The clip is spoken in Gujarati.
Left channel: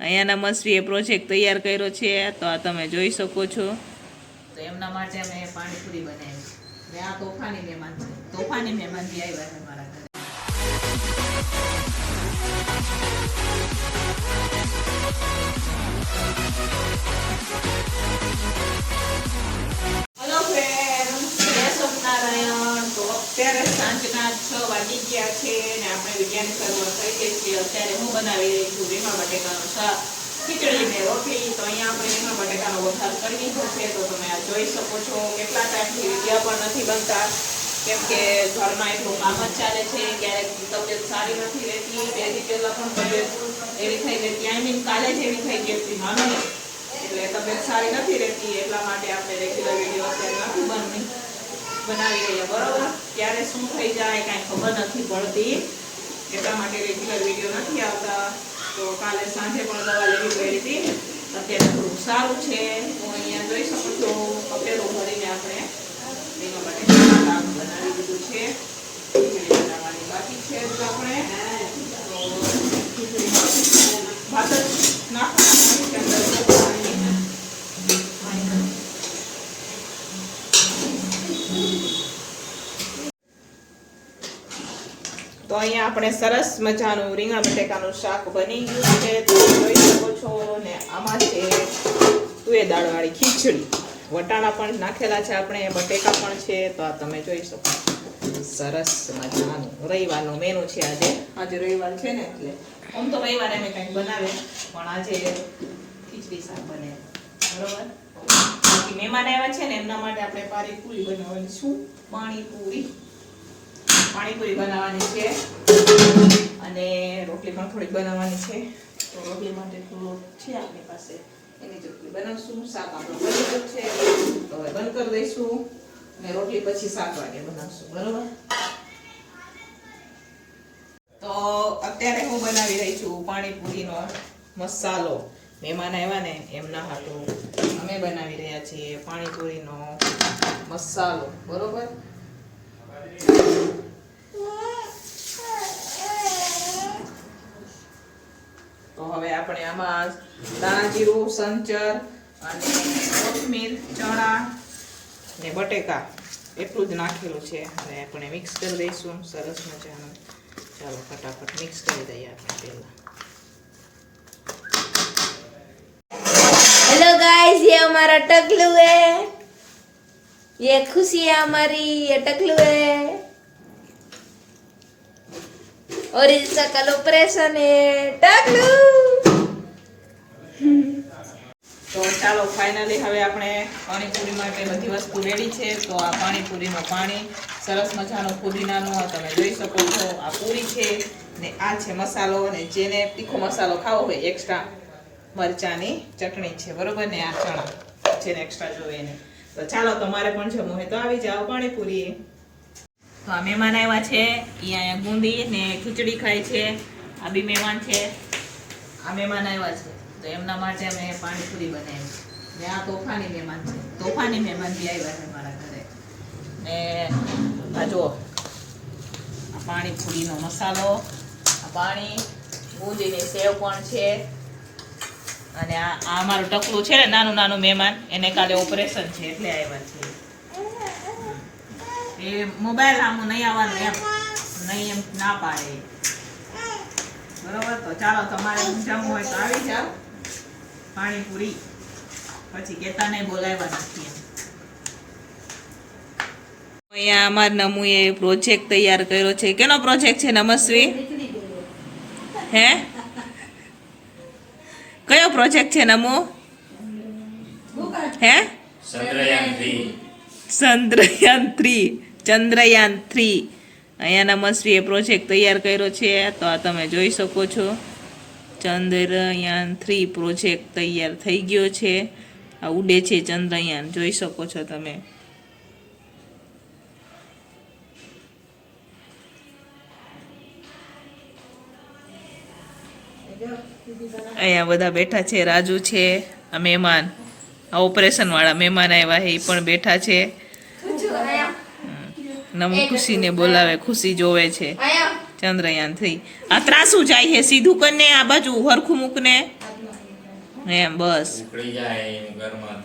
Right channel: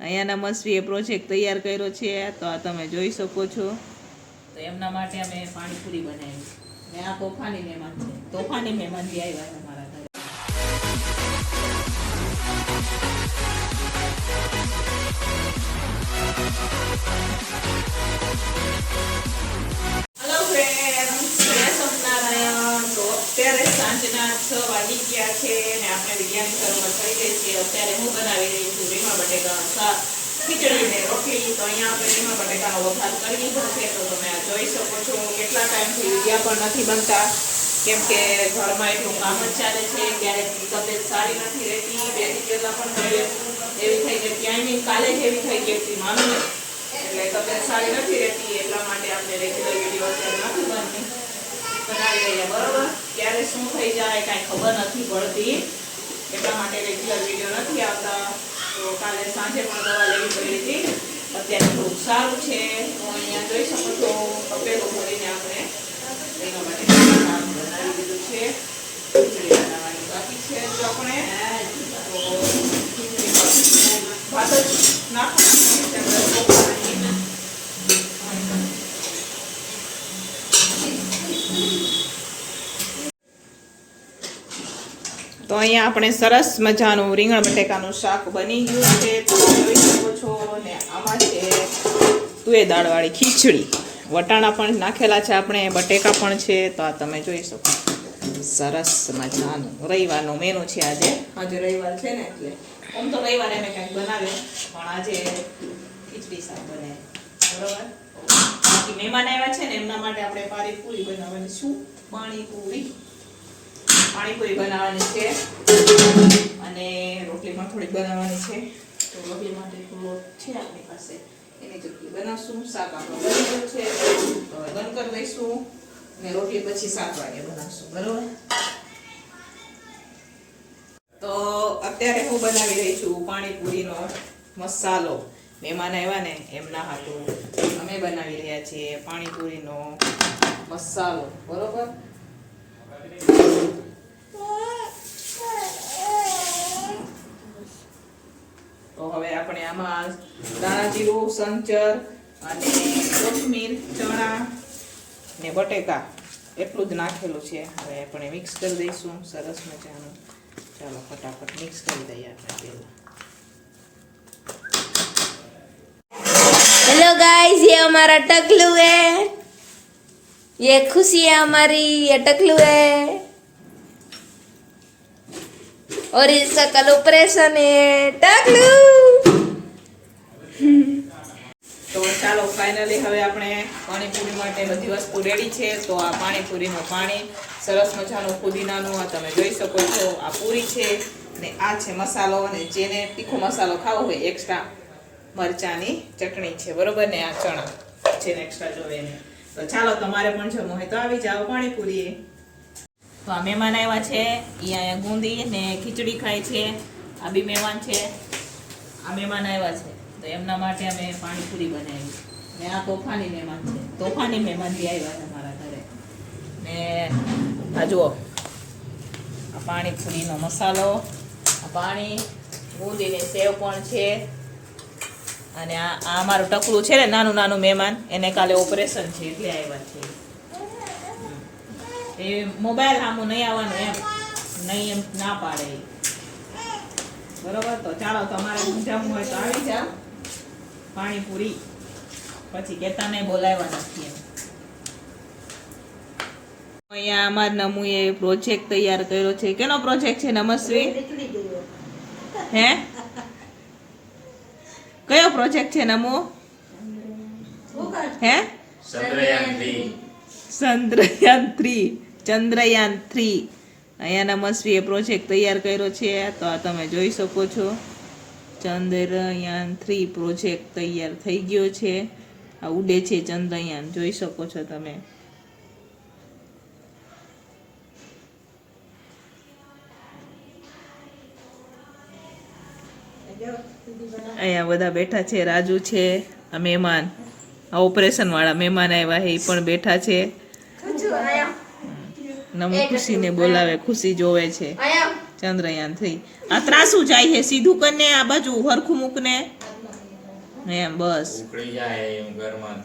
અહીંયા નમસ્વીએ પ્રોજેક્ટ તૈયાર કર્યો છે, તો આ તમે જોઈ શકો છો. તો એમના માટે અમે પાણીપુરી બનાવી. મેં આ તોફાની મહેમાન તોફાની મહેમાન બી આવ્યા છે મારા ઘરે. છે ને આપણે વિજ્ઞાન સરોવર થઈ ગઈ છીએ અત્યારે હું બનાવી રહી છું રીંગણ બટેકાનો શાક. ખીચડી ને રોટલી. તો અહીંયા આપણે રીંગણ બટેકાનો વઘાર કરી દીધો છે. તો તમે આ જોઈ શકો છો કેટલા ટાઈમથી વિડીયા પણ નથી બનતા. કેમ કે ઘરમાં એટલું કામ જ ચાલે છે. ક્યારેક તબિયત સારી નથી રહેતી. બેથી પહેલાં પણ તબિયત એવી થઈ ગઈ. ક્યાંય કાલે જ એવી થઈ ગઈ હતી. માનો એટલે તબિયત સારી નથી રહેતી. એટલા માટે આપણે રેગ્યુલર વીડિયો અત્યારે નથી બનતી. બનાવી રહ્યા. બરોબર? શું થઈ જાય, કાંઈ ખબર નથી પડતી. એટલા માટે રેગ્યુલર વીડિયો નથી આવતા. તો કાલે સાંજે પણ દવા લેવી પડી હતી. અત્યારે થોડુંક સારું છે. હું અહીંયા જોઈ શકો છો. તપેલું ભરીને આપણે એના માટે શાક બનાવી દીધું છે ખીચડી બનાવવાની બાકી છે તો આપણે તો ખીચડીમાં ભાત જ નાખવાના છે આપણે પાણી તો અહીંયા આપણે સરસ મજાનું રીંગણ બટેકાનું શાક બની ગયું છે. જોઈ શકો છો ને આમાં છે તુએ દાળવાળી ખીચડી. વટાણા પણ નાખેલા છે આપણે, બટેકા પણ છે, તો આ તમે જોઈ શકો સરસ મજાનું રવિવારનો મેનુ છે આજે. આજે રવિવાર છે ને એટલે આમ તો રવિવારે અમે કંઈક બનાવે પણ આજે ખીચડી શાક બને. બરોબર? બાકી મહેમાન આવ્યા છે ને, એમના માટે આપણે પાણીપુરી બનાવવાની શું પાણીપુરી. પાણીપુરી બનાવવાની છે. અને રોટલી થોડીક બનાવવાની છે. તો રોટલી માટે થોડો છે આપણી પાસે. એની ચોટલી બનાવશું, શાક આપણું બની છે. તો બંધ કરી દઈશું અને રોટલી પછી સાત વાગે બનાવશું, બરોબર? તો અત્યારે હું બનાવી રહી છું પાણીપુરીનો મસાલો. મહેમાન આવ્યા ને એમના હાટું અમે બનાવી રહ્યા છીએ પાણીપુરીનો મસાલો, બરોબર તો હવે આપણે આમાં દાણા જીરું સંચર અને કોથમીર ચણા ને બટેકા એટલું જ નાખેલું છે હવે આપણે મિક્સ કરી દઈશું સરસ મજાનું ચાલો ફટાફટ મિક્સ કરી દઈએ આપણે પહેલા हेलो गाइस ये हमारा टकलू है ये खुशी है हमारी ये टकलू है और इसका कल ऑपरेशन है टकलू ચાલો ફાઇનલી હવે આપણે પાણીપુરી માટે બધી વસ્તુ રેડી છે. તો આ પાણીપુરીનું પાણી, સરસ મજાનું ફુદીનાનું તમે જોઈ શકો છો, આ પૂરી છે ને આ છે મસાલો અને જેને તીખો મસાલો ખાવો હોય એક્સ્ટ્રા મરચાની ચટણી છે, બરોબર ને? આ ચણા જેને એક્સ્ટ્રા જોવે એને. તો ચાલો, તમારે પણ જમવું હોય તો આવી જાઓ પાણીપુરી તો આ મહેમાન આવ્યા છે એ અહીંયા બુંદી ને ખીચડી ખાય છે, આ બી મહેમાન છે. આ મહેમાન આવ્યા છે. તો એમના માટે અમે પાણીપુરી બનાવી. ને આ તોફાની મહેમાન છે. તોફાની મહેમાન બી આવ્યા છે મારા ઘરે. ને આ જુઓ, આ પાણીપુરીનો મસાલો, આ પાણી બુંદીની સેવ પણ છે. અને આ આ અમારું ટકલું છે ને નાનું નાનું મહેમાન, એને કાલે ઓપરેશન છે એટલે આવ્યા છે. એ મોબાઈલ આમું નહીં આવવાનું એમ. નહીં એમ ના પાડે. બરોબર? તો ચાલો, તમારે સમજાવવું હોય તો આવી જાઓ. પાણીપુરી. પછી કેતાને બોલાવ્યા નથી અહીંયા અમાર નમુએ પ્રોજેક્ટ તૈયાર કર્યો છે. કેનો પ્રોજેક્ટ છે નમસ્વી? હે? કયો પ્રોજેક્ટ છે નમો? હે? Chandrayaan three. Chandrayaan three. Chandrayaan three. અહીંયા નમસ્વીએ પ્રોજેક્ટ તૈયાર કર્યો છે. તો આ તમે જોઈ શકો છો. ચંદ્રયાન થ્રી પ્રોજેક્ટ તૈયાર થઈ ગયો છે. આ ઉડે છે ચંદ્રયાન જોઈ શકો છો તમે. અહીંયા બધા બેઠા છે રાજુ છે આ મહેમાન. આ ઓપરેશન વાળા મહેમાન આવ્યા છે એ પણ બેઠા છે. નમો ખુશીને બોલાવે ખુશી જોવે છે. ચંદ્રયાન થઈ આ ત્રાસુ જાય છે, સીધું કરીને આ બાજુ હરખું મૂકને. એમ, બસ. જાય ઘરમાં